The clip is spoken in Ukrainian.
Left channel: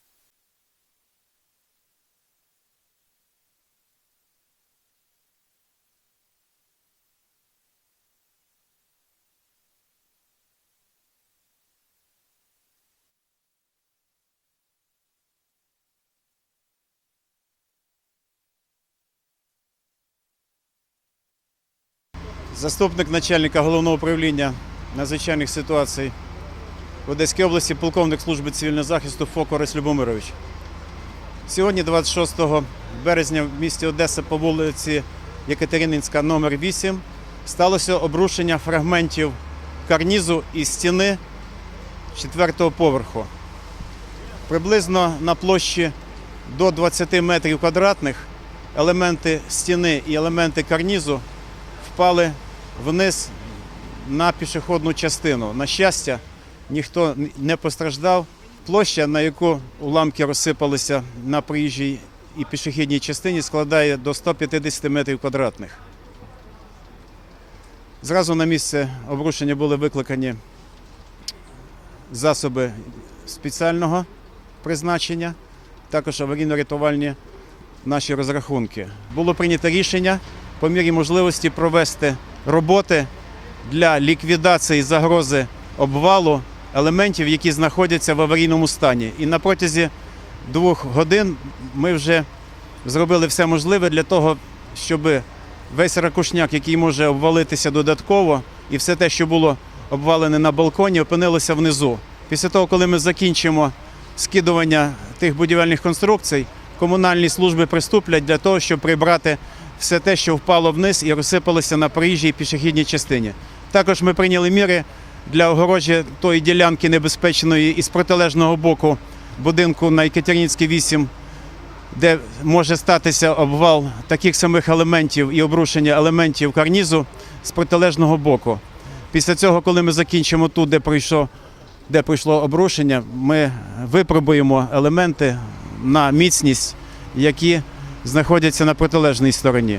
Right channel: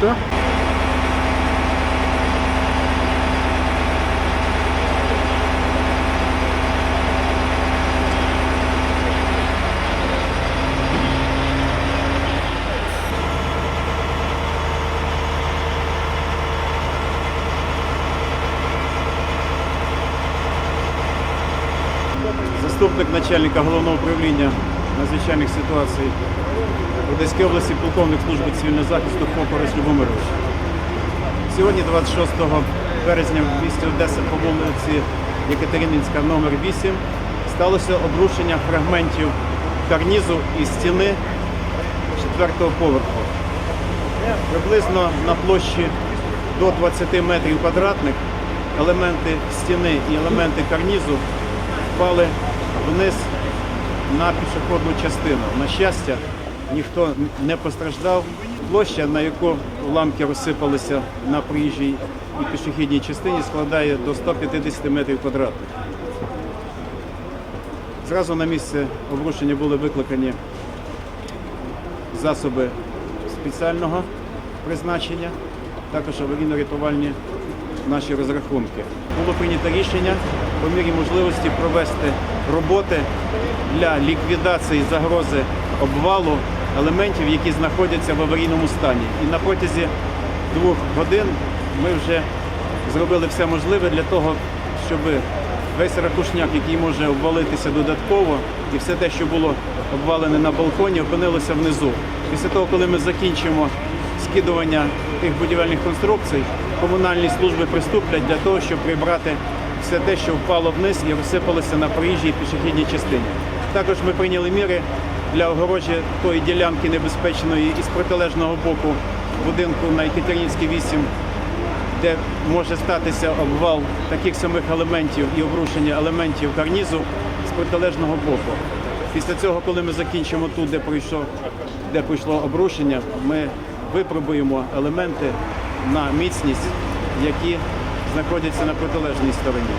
Toyota. Заступник начальника головного управління надзвичайних ситуацій в Одеській області, полковник служби цивільного захисту Фокорис Любомирович. Сьогодні, 26 березня, в місті Одеса по вулиці Екатерининська, номер 8, сталося обрушення фрагментів карнізу і стіни четвертого поверху. Приблизно на площі до 20 метрів квадратних елементи стіни і елементи карнізу впали вниз на пішохідну частину. На щастя, ніхто не постраждав. Площа, на яку уламки розсипалися на проїжджій і пішохідній частині, складає до 150 метрів квадратних. Зразу на місце обрушення були викликані засоби спеціального призначення, також аварійно-рятувальні наші розрахунки. Було прийнято рішення по мірі можливості провести роботи для ліквідації загрози обвалу елементів, які знаходяться в аварійному стані. І на протязі двох годин ми вже зробили все можливе для того, щоб весь ракушняк, який може обвалитися додатково, і все те, що було обвалене на балконі, опинилося внизу. Після того, коли ми закінчимо скидування тих будівельних конструкцій, комунальні служби приступлять для того, щоб прибрати все те, що впало вниз і розсипалося на проїжджій пішохідній частині. Також ми прийняли міри для огорожі тої ділянки небезпечної із протилежного боку будинку на Екатеринівській 8, де може статися обвал таких самих елементів і обрушення елементів карнізу з протилежного боку. Після цього, коли ми закінчимо тут, де пройшло, де пройшло обрушення, ми випробуємо елементи на міцність, які знаходяться на протилежній стороні.